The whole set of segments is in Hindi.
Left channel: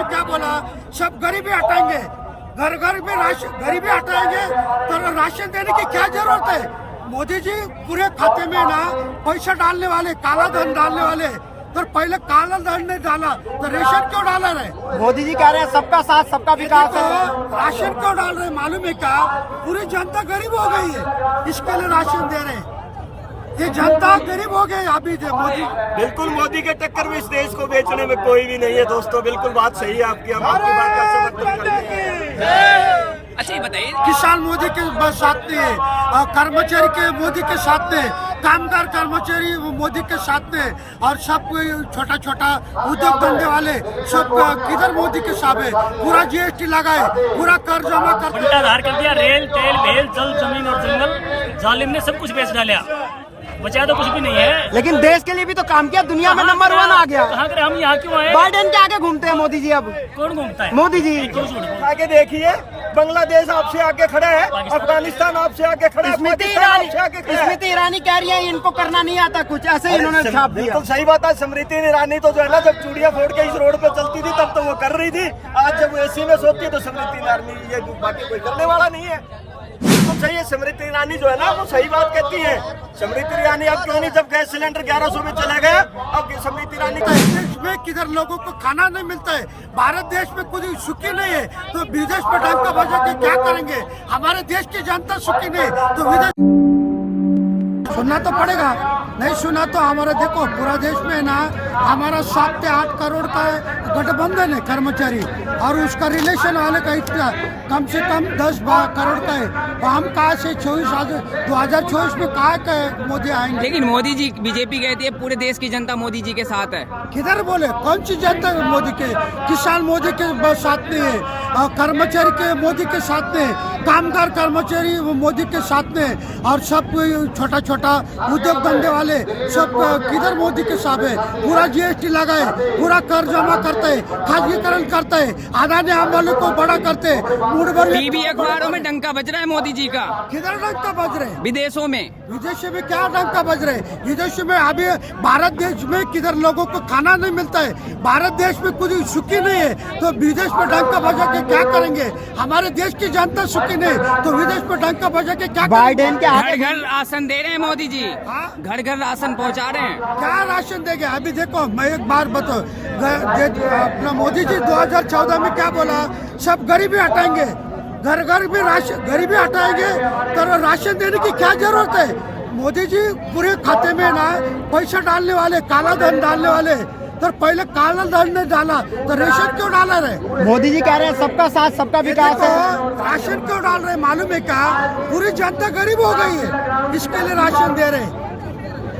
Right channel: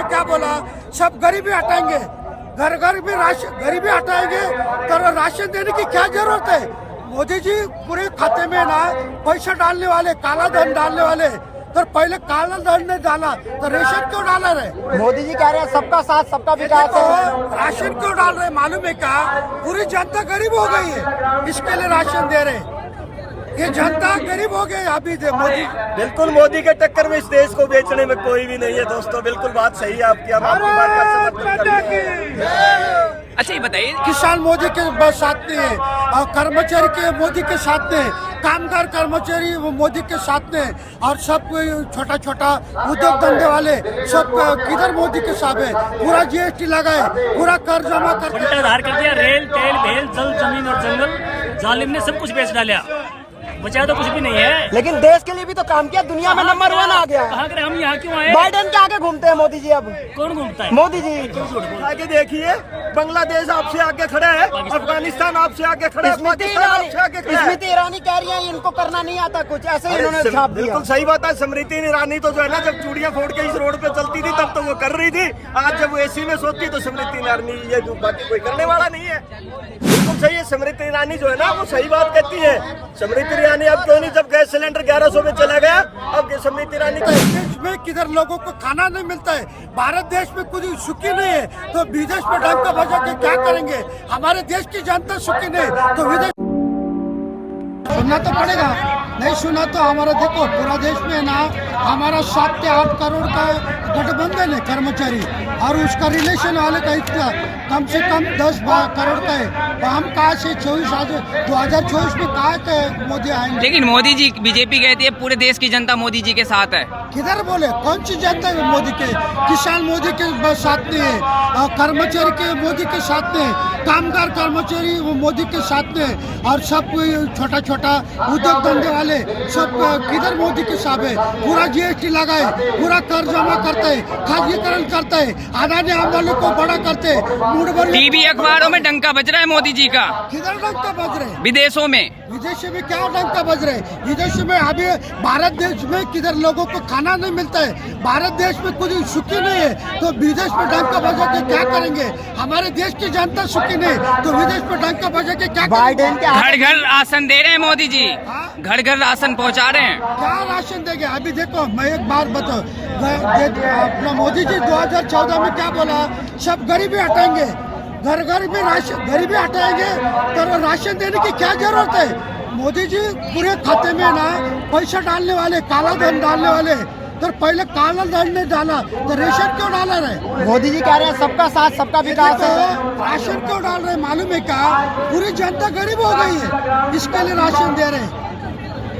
में क्या बोला, सब गरीबी हटाएंगे, घर घर में राशन गरीबी हटाएंगे, तो राशन देने की क्या जरूरत है। मोदी जी पूरे खाते में ना पैसा डालने वाले, काला धन डालने वाले, तो पहले काला धन ने डाला तो रेशन क्यों डाला रहे। मोदी जी कह रहे हैं सबका साथ सबका विकास। तो राशन क्यों डाल रहे, मालूम है क्या, पूरी जनता गरीब हो गई है, इसके लिए राशन दे रहे। ये जनता गरीब हो गई अभी दे मोदी। बिल्कुल मोदी के टक्कर में इस देश को बेचने में कोई भी नहीं है दोस्तों, बिल्कुल बात सही है आपकी, हम आपकी बात का समर्थन करते हैं। अच्छा ये बताइए, किसान मोदी के साथ में है, कर्मचारी के मोदी के साथ में, कामगार कर्मचारी मोदी के साथ में, और सब छोटा छोटा उद्योग धंधे वाले सब किधर मोदी के साथ है। पूरा जीएसटी लगाए, पूरा कर जमा कर बंटाधार कर दिया, रेल तेल भेल जल जमीन और जंगल, जालिम ने सब कुछ बेच डाला, बचा तो कुछ भी नहीं है। लेकिन देश के लिए भी तो काम किया, दुनिया में नंबर 1 आ गया। कहाँ करे, हम यहाँ क्यों आए। बाइडेन के आगे घूमते हैं मोदी जी। अब कौन घूमता है, मोदी जी। क्यों झूठ बोल। आगे देखिए, बांग्लादेश आपसे आगे खड़ा है, अफगानिस्तान आपसे आगे खड़ा है, पाकिस्तान आपसे आगे खड़ा है। स्मृति ईरानी कह रही है इनको करना नहीं आता कुछ, ऐसे ही इन्होंने छाप दिया। बिल्कुल सही बात है। स्मृति ईरानी तो जो है ना, जब चूड़ियां फोड़ के इस रोड पे चलती थी तब तो वो कर रही थी, आज जब वो एसी में सोती है तो स्मृति ईरानी, ये बाकी कोई करने वाला नहीं है। बिल्कुल सही है, स्मृति ईरानी जो है ना वो सही बात कहती है। स्मृति ईरानी अब क्यों नहीं, जब गैस सिलेंडर 1100 में चला गया, अब स्मृति ईरानी देश में किधर लोगों को खाना नहीं मिलता है, भारत देश में कुछ सुखी नहीं है, तो विदेश में डंका बजा के क्या करेंगे। हमारे देश की जनता सुखी नहीं तो विदेश सुनना तो पड़ेगा, नहीं सुना तो हमारा देखो पूरा देश में ना हमारा 7 से 8 करोड़ का गठबंधन है कर्मचारी, और उसका रिलेशन वाले का इतना कम से कम 10 करोड़ का है। तो हम कहाँ से 2024 में कहाँ के मोदी आएंगे। लेकिन मोदी जी, बीजेपी कहती है पूरे देश की जनता मोदी जी के साथ है। किधर बोले, कौन सी जनता मोदी के, किसान मोदी के साथ में है, कर्मचारी के मोदी के साथ में, कामगार कर्मचारी मोदी के साथ में, और सब छोटा छोटा उद्योग धंधे वाले सब किधर मोदी के साथ है। पूरा जीएसटी लगाए, पूरा कर जमा करते है, खासगीकरण करते है, आदानी आमदनी को बड़ा करते है, मूड भर टीवी अखबारों में डंका बज रहा है मोदी जी का। किधर डंका बज रहे, विदेशों में। विदेश में क्या डंका बज रहे, विदेश में अभी भारत देश में किधर लोगों को खाना नहीं मिलता है, भारत देश में कुछ सुखी नहीं है, तो विदेश में डंका बजा के क्या करेंगे। हमारे देश की जनता सुखी नहीं तो विदेश में डंका बजा के क्या बाइडेन के घर घर राशन दे रहे हैं मोदी जी, घर घर राशन पहुंचा रहे हैं। क्या राशन देंगे। अभी देखो मैं एक बार बताओ, अपना मोदी जी 2014 में क्या बोला, सब गरीबी हटाएंगे, घर घर में राशन गरीबी हटाएंगे, तो राशन देने की क्या जरूरत है। मोदी जी पूरे खाते में ना पैसा डालने वाले, काला धन डालने वाले, तो पहले काला धन ने डाला तो रेशन क्यों डाला रहे। मोदी जी कह रहे हैं सबका साथ सबका विकास। तो राशन क्यों डाल रहे, मालूम है क्या, पूरी जनता गरीब हो गई है, इसके लिए राशन दे रहे।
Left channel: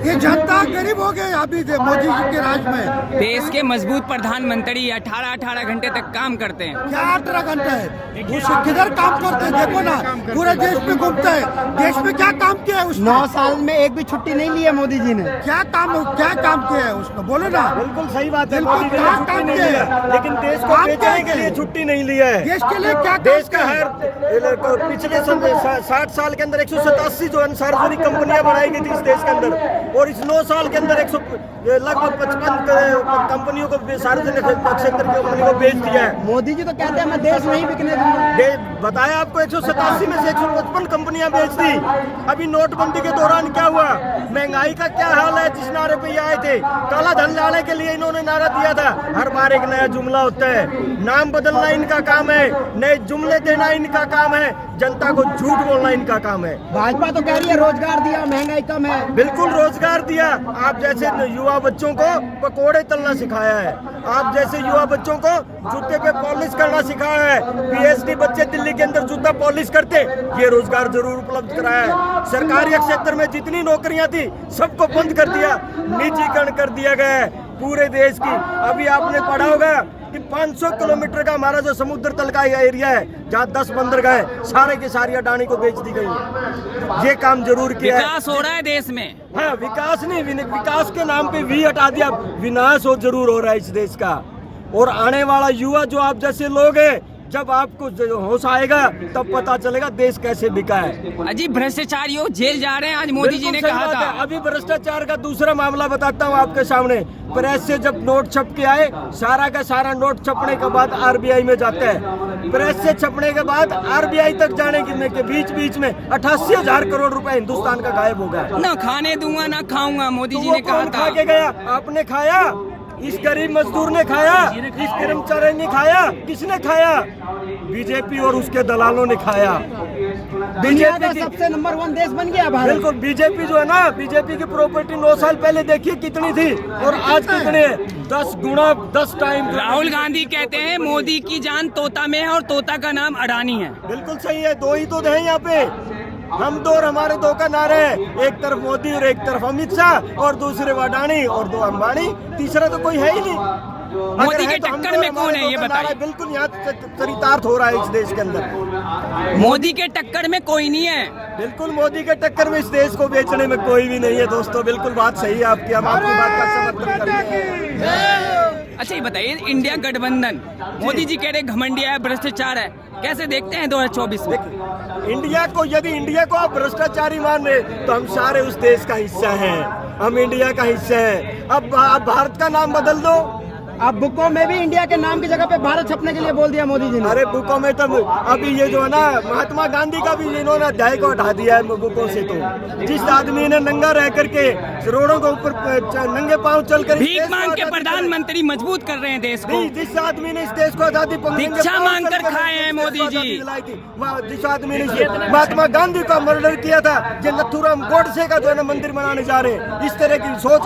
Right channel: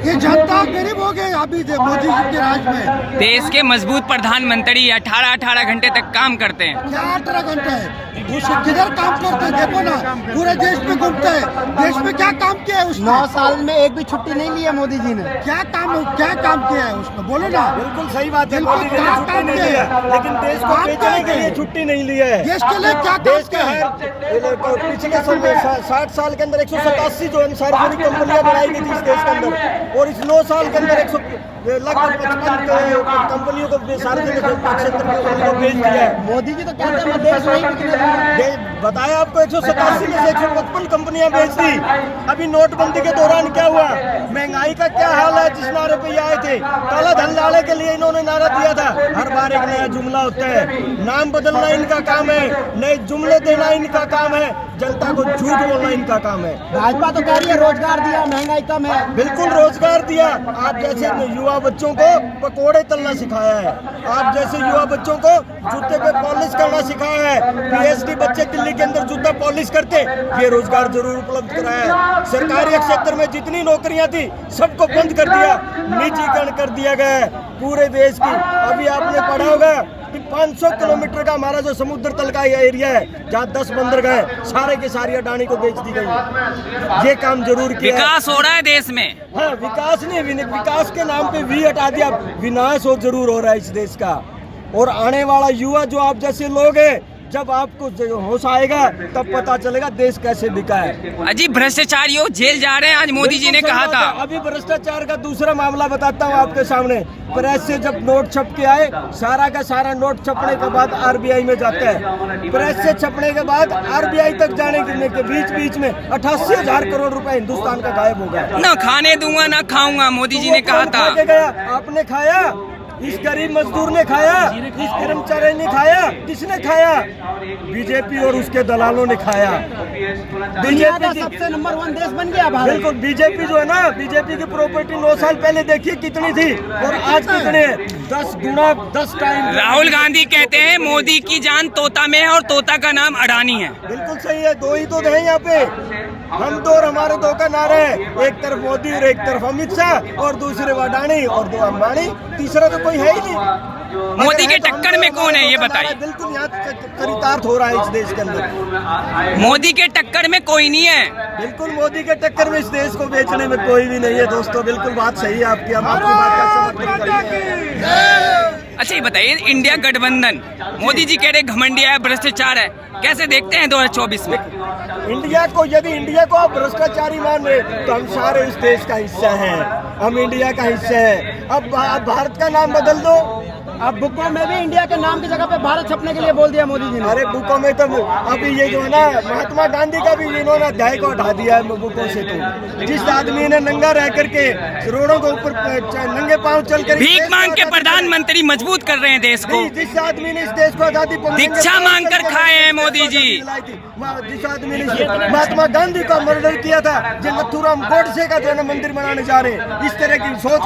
ये जनता गरीब हो गई अभी दे मोदी जी के राज में। देश के मजबूत प्रधानमंत्री 18 घंटे तक काम करते हैं। क्या 18 घंटे है, उसे किधर काम करते हैं, देखो ना पूरे देश में घूमते हैं, देश में क्या काम किया है उसने। 9 साल में एक भी छुट्टी नहीं ली है मोदी जी ने। क्या काम किया है उसने, बोलो ना। बिल्कुल सही बात है, बिल्कुल मोदी जी ने क्या छुट्टी काम नहीं किया ली है? है, लेकिन देश को काम बेचने क्या के लिए है? छुट्टी नहीं ली है। देश के लिए क्या देश का हर पिछले 60 साल के अंदर 187 जो है सार्वजनिक कंपनियां बनाई गई थी इस देश के अंदर, और इस 9 साल के अंदर लगभग 55 कंपनियों को, सार्वजनिक क्षेत्र की कंपनियों को बेच दिया है। मोदी जी तो कहते हैं मैं देश नहीं बिकने दूंगा। बताया आपको 187 में से 155 कंपनियां बेच दी। अभी नोटबंदी के दौरान क्या हुआ, महंगाई का क्या हाल है, जिस नारे पे ये आए थे, काला धन लाने के लिए इन्होंने नारा दिया था। हर बार एक नया जुमला होता है, नाम बदलना इनका काम है, नए जुमले देना इनका काम है, जनता को झूठ बोलना इनका काम है। भाजपा तो कह रही है रोजगार दिया, महंगाई कम है। बिल्कुल रोजगार दिया, आप जैसे युवा बच्चों को पकोड़े तलना सिखाया है, आप जैसे युवा बच्चों को जूते पे पॉलिश करना सिखाया है। पीएचडी बच्चे दिल्ली के अंदर जूता पॉलिश करते, ये रोजगार जरूर उपलब्ध कराया है। सरकारी क्षेत्र में जितनी नौकरियां थी सबको बंद कर दिया, निजीकरण कर दिया गया है पूरे देश की। अभी आपने पढ़ा होगा कि 500 किलोमीटर का हमारा जो समुद्र तल का एरिया है, जहाँ 10 बंदरगाह है, सारे के सारी अडानी को बेच दी गई। ये काम जरूर किया है। विकास हो रहा है देश में। हाँ, विकास नहीं, विकास के नाम पे वी हटा दिया, विनाश हो जरूर हो रहा है इस देश का। और आने वाला युवा जो आप जैसे लोग हैं, जब आपको होश आएगा तब पता चलेगा देश कैसे बिका है। अजी भ्रष्टाचारियों जेल जा रहे हैं, आज मोदी जी ने बिल्कुल कहा सही था। बात है। अभी भ्रष्टाचार का दूसरा मामला बताता हूँ आपके सामने। प्रेस से जब नोट छप के आए, सारा का सारा नोट छपने के बाद आरबीआई में जाता है। प्रेस से छपने के बाद आरबीआई तक जाने के बीच में 88,000 करोड़ रुपए हिंदुस्तान का गायब हो गया। ना खाने दूंगा ना खाऊंगा, मोदी जी ने तो कहा कौन था। खा के गया? आपने खाया? इस गरीब मजदूर ने खाया? इस कर्मचारी ने खाया? किसने खाया? बीजेपी और उसके दलालों ने खाया। दुनिया का सबसे नंबर 1 देश बन गया भारत। बिल्कुल। बीजेपी जो है ना, बीजेपी की प्रॉपर्टी 9 साल पहले देखिए कितनी थी और आज कितनी है। 10 गुना 10 टाइम। राहुल गांधी कहते हैं मोदी की जान तोता में है और तोता का नाम अडानी है। बिल्कुल सही है। दो ही तो है यहाँ पे, हम दो और हमारे दो का नारा है। एक तरफ मोदी और एक तरफ अमित शाह और दूसरे अडानी और 2 अंबानी, तीसरा तो कोई है ही नहीं। मोदी के टक्कर में कौन है ये बताइए। बिल्कुल यहाँ चरितार्थ हो रहा है इस देश के अंदर। मोदी के टक्कर में कोई नहीं है। बिल्कुल मोदी के टक्कर में इस देश को बेचने में कोई भी नहीं है दोस्तों। बिल्कुल बात सही है आपकी, हम आपकी बात का समर्थन करते हैं। अच्छा ये बताइए, इंडिया गठबंधन, मोदी जी कह रहे घमंडिया है, भ्रष्टाचार है, कैसे देखते हैं 2024 में? इंडिया को, यदि इंडिया को आप भ्रष्टाचारी मान रहे तो हम सारे उस देश का हिस्सा हैं, हम इंडिया का हिस्सा है। अब भारत का नाम बदल दो। अब बुकों में भी इंडिया के नाम की जगह पे भारत छपने के लिए बोल दिया मोदी जी ने। अरे बुकों में तो अभी ये जो है ना, महात्मा गांधी का भी इन्होंने अध्याय को हटा दिया है बुकों से। तो जिस आदमी ने नंगा रह करके रोडों के ऊपर नंगे पांव चल कर भीख मांग के प्रधानमंत्री मजबूत कर रहे हैं देश को। जिस आदमी ने इस देश को आजादी दीक्षा मांग कर खाए हैं मोदी जी। जिस आदमी ने महात्मा गांधी का मर्डर किया था, जो नथुराम गोडसे का जो है ना मंदिर बनाने जा रहे हैं, इस तरह की सोच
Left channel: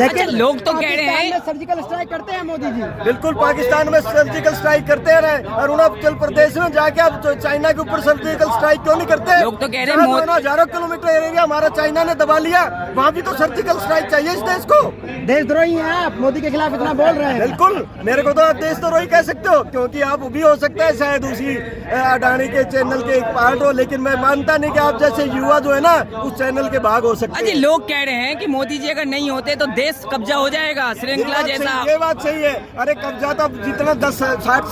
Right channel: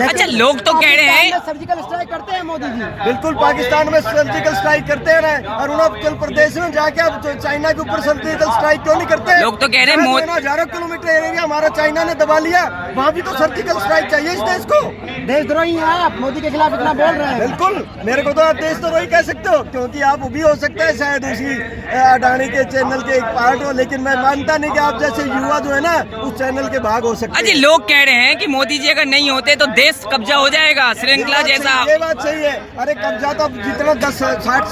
अच्छा लोग तो कह रहे हैं सर्जिकल स्ट्राइक करते हैं मोदी जी। बिल्कुल पाकिस्तान में सर्जिकल स्ट्राइक करते रहे, अरुणाचल प्रदेश में जाके अब चाइना के ऊपर सर्जिकल स्ट्राइक क्यों नहीं करते? लोग तो कह रहे हैं हजारों किलोमीटर एरिया हमारा चाइना ने दबा लिया, वहाँ भी तो सर्जिकल स्ट्राइक चाहिए इस देश को। देशद्रोही हैं आप, मोदी के खिलाफ इतना बोल रहे हैं। बिल्कुल, मेरे को तो आप देशद्रोही कह सकते हो, क्योंकि आप भी हो सकता है शायद उसी अडानी के चैनल के एक पार्ट हो, लेकिन मैं मानता नहीं कि आप जैसे युवा जो है ना उस चैनल के भाग हो सकते अजी हैं। लोग कह रहे हैं कि मोदी जी अगर नहीं होते तो देश कब्जा हो जाएगा, श्रृंखला जैसा। ये बात सही है। अरे कब्जा तो अब जितना 10, 60,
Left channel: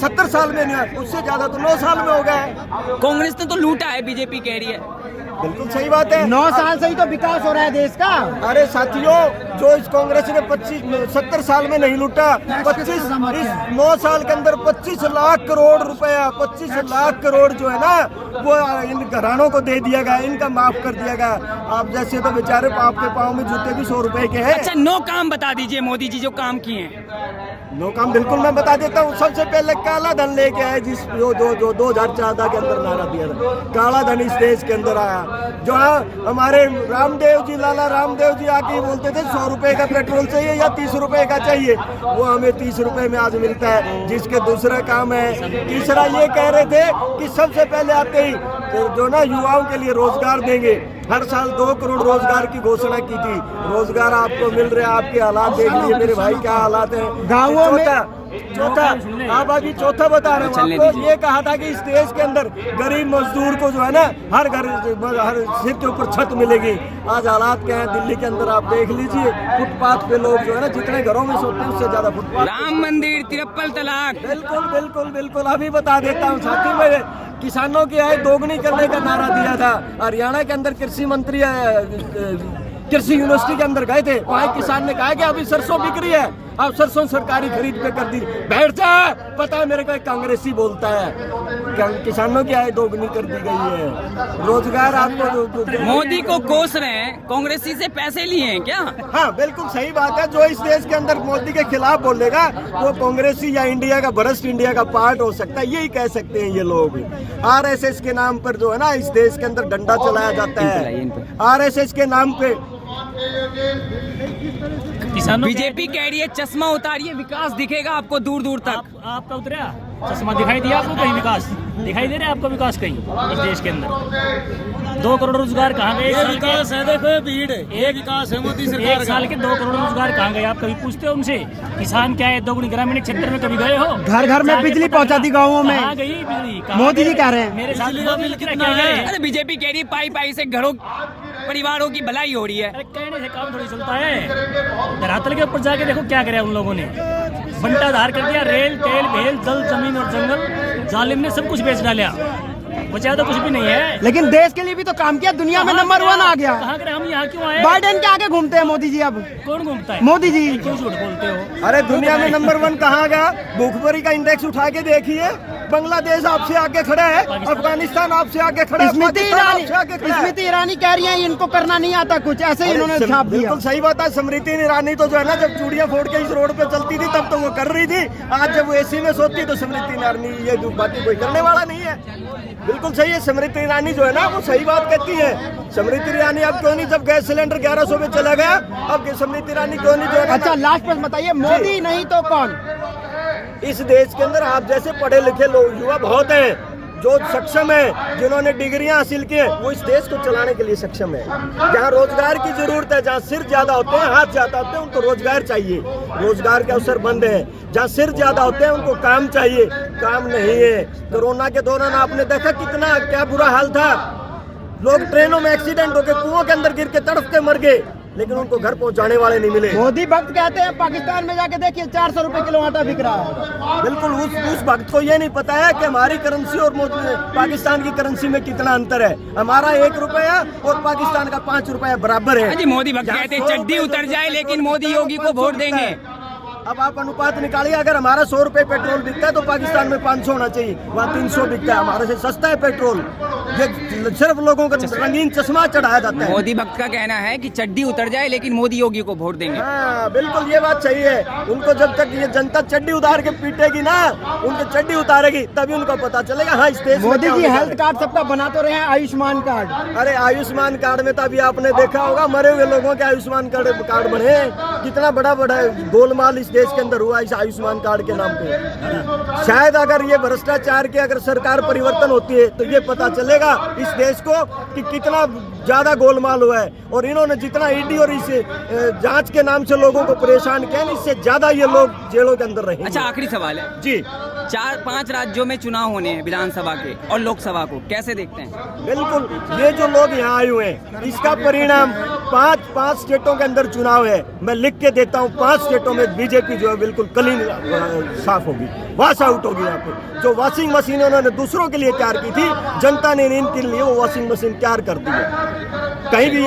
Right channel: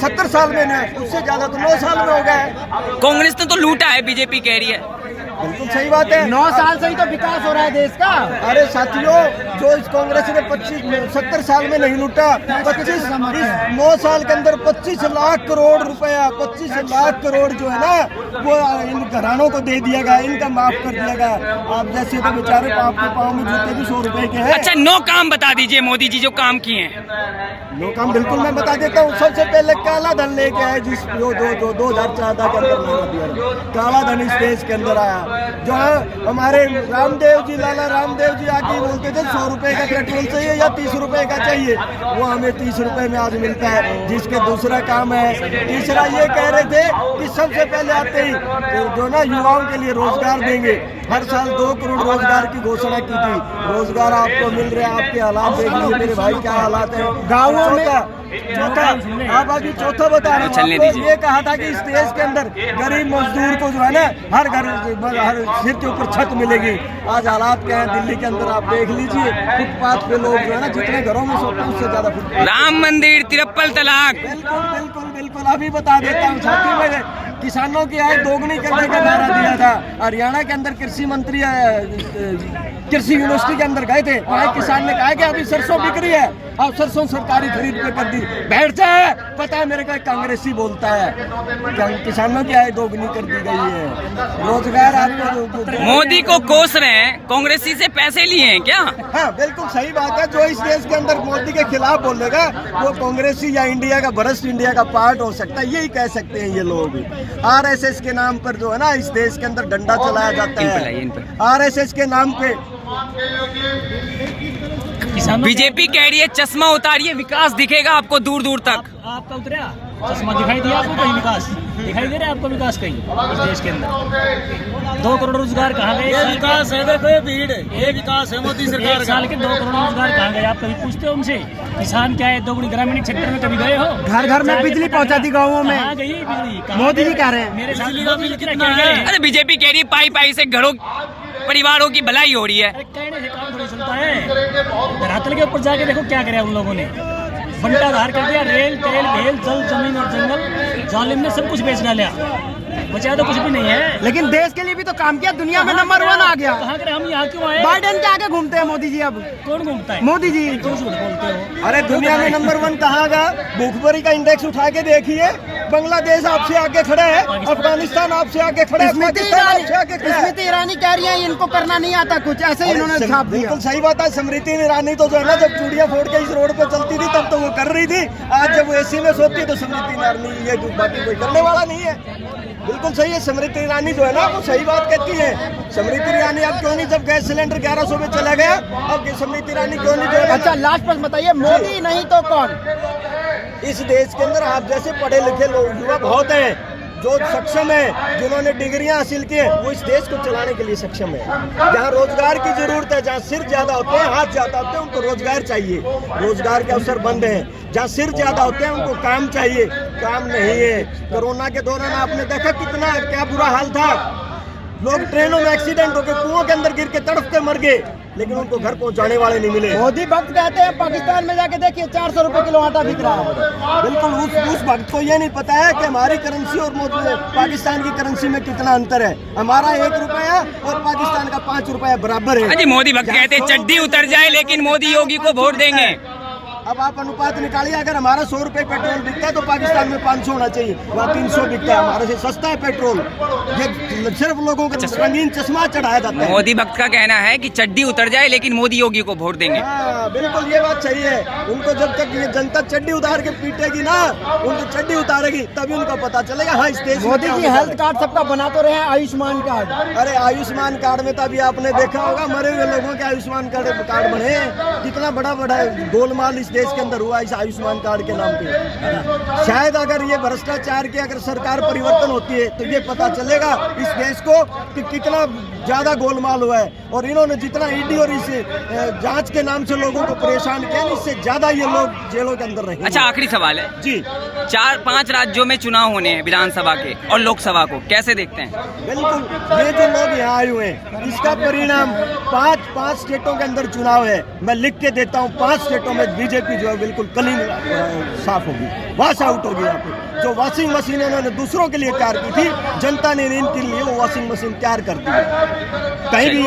70 साल में ना, उससे ज्यादा तो 9 साल में हो गया है। कांग्रेस ने तो लूटा है, बीजेपी कह रही है। बिल्कुल सही बात है। 9 साल से ही तो विकास हो रहा है देश का। अरे साथियों, जो इस कांग्रेस ने 70 साल में नहीं लूटा, 25 इस 9 साल के अंदर 25 लाख करोड़ रुपया, 25 लाख करोड़ जो है ना वो इन घरानों को दे दिया गया, इनका माफ कर दिया गया। आप जैसे तो बेचारे आपके पाँव में जूते भी 100 रुपए के हैं। अच्छा 9 काम बता दीजिए मोदी जी जो काम किए हैं। 9 काम बिल्कुल मैं बता देता हूँ। सबसे पहले काला धन लेके आए, जिस जो 2014 के अंदर नारा दिया था, काला धन इस देश के अंदर आया। जो हमारे रामदेव जी, लाला रामदेव जी आके बोलते थे 100 रुपए का पेट्रोल चाहिए या 30 रुपए का चाहिए, वो हमें 30 रुपए में आज मिलता है। जिसके दूसरा काम है, तीसरा ये कह रहे थे कि सबसे पहले आते ही जो ना युवाओं के लिए रोजगार देंगे। हर साल 2 करोड़ रोजगार की घोषणा की थी। रोजगार आपको मिल रहे हैं, आपके हालात देख लीजिए मेरे भाई क्या हालात है गाँवों में। चौथा आप अभी चौथा बता रहे हैं, आपको ये कहा था कि इस देश के अंदर गरीब मजदूर को जो है ना हर घर हर सिर के ऊपर छत मिलेगी। आज हालात क्या है दिल्ली के अंदर आप देख लीजिए, फुटपाथ पे लोग जो है ना जितने घरों में सोते हैं उससे ज्यादा फुटपाथ। राम मंदिर, 53 तलाक। बिल्कुल बिल्कुल बिल्कुल अभी बता देता हूँ साथी, मेरे किसानों की आय दोगुनी करने का नारा दिया था। हरियाणा के अंदर कृषि मंत्री कृषि यूनिवर्सिटी के अंदर गए थे, वहाँ किसान ने कहा कि अभी सरसों बिक रही है, आप सरसों सरकारी खरीद पे कर दी। बैठ जा, पता है मेरे को एक कांग्रेसी बोलता है किसानों की आय दोगुनी कर दी गई है। रोजगार आपको मोदी को कोस रहे हैं, कांग्रेसी से पैसे लिए हैं क्या? हाँ बिल्कुल सही बात है। जो इस देश के अंदर मोदी के खिलाफ बोलेगा वो कांग्रेसी या इंडिया का भ्रष्ट इंडिया का पार्ट हो सकता है, यही कह सकते हैं ये लोग। RSS के नाम पर जो है ना इस देश के अंदर डंडा चलाया जाता है। RSS के नाम पे बीजेपी कह रही है चश्मा उतारिए, विकास दिखेगा आपको दूर दूर तक। आपका उतरा चश्मा दिखाई दिया आपको? कहीं विकास दिखाई दे रहा है आपको? विकास कहीं इस देश के अंदर 2 करोड़ रोजगार कहाँ गए? विकास है, भीड़ है, ये विकास है मोदी सरकार। 1 साल के 2 करोड़ रोजगार कहाँ गए? आप कभी पूछते हो उनसे? किसान क्या है, दोगुनी ग्रामीण क्षेत्र में कभी गए हो? घर घर में बिजली पहुंचा दी गाँवों में। कहाँ गई बिजली? मोदी जी कह रहे हैं मेरे साथ मोदी जी क्या कह रहे हैं? अरे बीजेपी कह रही है पाई पाई से घरों परिवारों की भलाई हो रही है। अरे कहने से काम थोड़ी चलता है। धरातल के ऊपर जाके देखो क्या करे उन लोगों ने। बंटाधार कर दिया, रेल तेल भेल जल जमीन और जंगल जालिम ने सब कुछ बेच डाला, बचा तो कुछ भी नहीं है। लेकिन देश के लिए भी तो काम किया, दुनिया में नंबर 1 आ गया। कहाँ करे, हम यहाँ क्यों आए? बाइडेन के आगे घूमते हैं मोदी जी। अब कौन घूमता है? मोदी जी। क्यों झूठ बोलते हो? अरे दुनिया में नंबर 1 कहाँ गया? भूखमरी का इंडेक्स उठा के देखिए, बांग्लादेश आपसे आगे खड़ा है, अफगानिस्तान आपसे आगे खड़ा है, पाकिस्तान आपसे आगे खड़ा है। स्मृति ईरानी कह रही है इनको करना नहीं आता कुछ, ऐसे ही उन्होंने छाप दिया। बिल्कुल सही बात है। स्मृति ईरानी तो जो है ना, जब चूड़ियां फोड़ के इस रोड पे चलती थी तब तो वो कर रही थी, आज जब वो एसी में सोती है तो स्मृति ईरानी ये बाकी कोई करने वाला नहीं है। बिल्कुल सही है, स्मृति ईरानी जो है ना वो सही बात कहती है। स्मृति ईरानी अब क्यों नहीं, जब गैस सिलेंडर 1100 में चला गया, अब स्मृति ईरानी क्यों नहीं जो है? अच्छा लास्ट प्रश्न बताइए, मोदी नहीं तो कौन? इस देश के अंदर आप जैसे पढ़े लिखे लोग युवा बहुत हैं, जो सक्षम है, जिन्होंने डिग्रियां हासिल की हैं, वो इस देश को चलाने के लिए सक्षम है। जहाँ रोजगार की जरूरत है, जहाँ सिर ज्यादा होते हैं, हाथ ज्यादा होते हैं, उनको रोजगार चाहिए, रोजगार के अवसर बंद हैं। जहाँ सिर ज्यादा होते हैं उनको काम चाहिए, काम नहीं है। कोरोना के दौरान आपने देखा कितना क्या बुरा हाल था, लोग ट्रेनों में एक्सीडेंट होकर कुओं के अंदर गिर के तड़प के मर गए, लेकिन उनको घर पहुंचाने वाले नहीं मिले। मोदी भक्त कहते हैं पाकिस्तान में जाके देखिए 400 रुपए किलो आटा बिक रहा है। बिल्कुल, उस भक्त को ये नहीं पता है कि हमारी करेंसी और पाकिस्तान की करेंसी में कितना अंतर है। हमारा 1 रुपया और पाकिस्तान का 5 रुपया बराबर है। अजी मोदी भक्त कहते हैं चड्डी उतर जाए लेकिन मोदी योगी को वोट देंगे। अब आप अनुपात निकालिए, अगर हमारा 100 रुपए पेट्रोल बिकता है तो पाकिस्तान में 500 होना चाहिए, वहाँ 300 बिकता है, हमारे से सस्ता है पेट्रोल। ये सिर्फ लोगों को रंगीन चश्मा चढ़ाया जाता है। मोदी भक्त का कहना है कि चड्डी उतर जाए लेकिन मोदी योगी को वोट देंगे। हाँ बिल्कुल, ये बात सही है। उनको जब तक ये जनता चड्डी उतार के पीटेगी ना, उनको चड्डी उतारेगी, तभी उनको पता चलेगा हाँ इस देश में मोदी जी हेल्थ कार्ड सबका बना तो रहे हैं, आयुष्मान कार्ड। अरे आयुष्मान कार्ड में तो अभी आपने देखा होगा मरे हुए लोगों के आयुष्मान कार्ड बने, कितना बड़ा बड़ा गोलमाल इस देश के अंदर हुआ इस आयुष्मान कार्ड के नाम पे। शायद अगर ये भ्रष्टाचार की अगर सरकार परिवर्तन होती है तो ये पता चलेगा इस देश को कि कितना ज्यादा गोलमाल हुआ है, और इन्होंने जितना ईडी और इस जांच के नाम से लोगों को परेशान किया, इससे ज्यादा ये लोग जेलों के अंदर रहेंगे। अच्छा आखिरी सवाल है जी, 4-5 राज्यों में चुनाव होने हैं, विधानसभा के और लोकसभा को, कैसे देखते हैं? बिल्कुल, ये जो लोग यहाँ आए हुए हैं इसका परिणाम 5 स्टेटों के अंदर चुनाव है, मैं लिख के देता हूँ, 5 स्टेटों में बीजेपी जो है बिल्कुल क्लीन साफ होगी, वॉश आउट होगी। यहाँ पे जो वॉशिंग मशीन उन्होंने दूसरों के लिए तैयार की थी, जनता ने इनके लिए वो वॉशिंग मशीन तैयार कर दी है। कहीं भी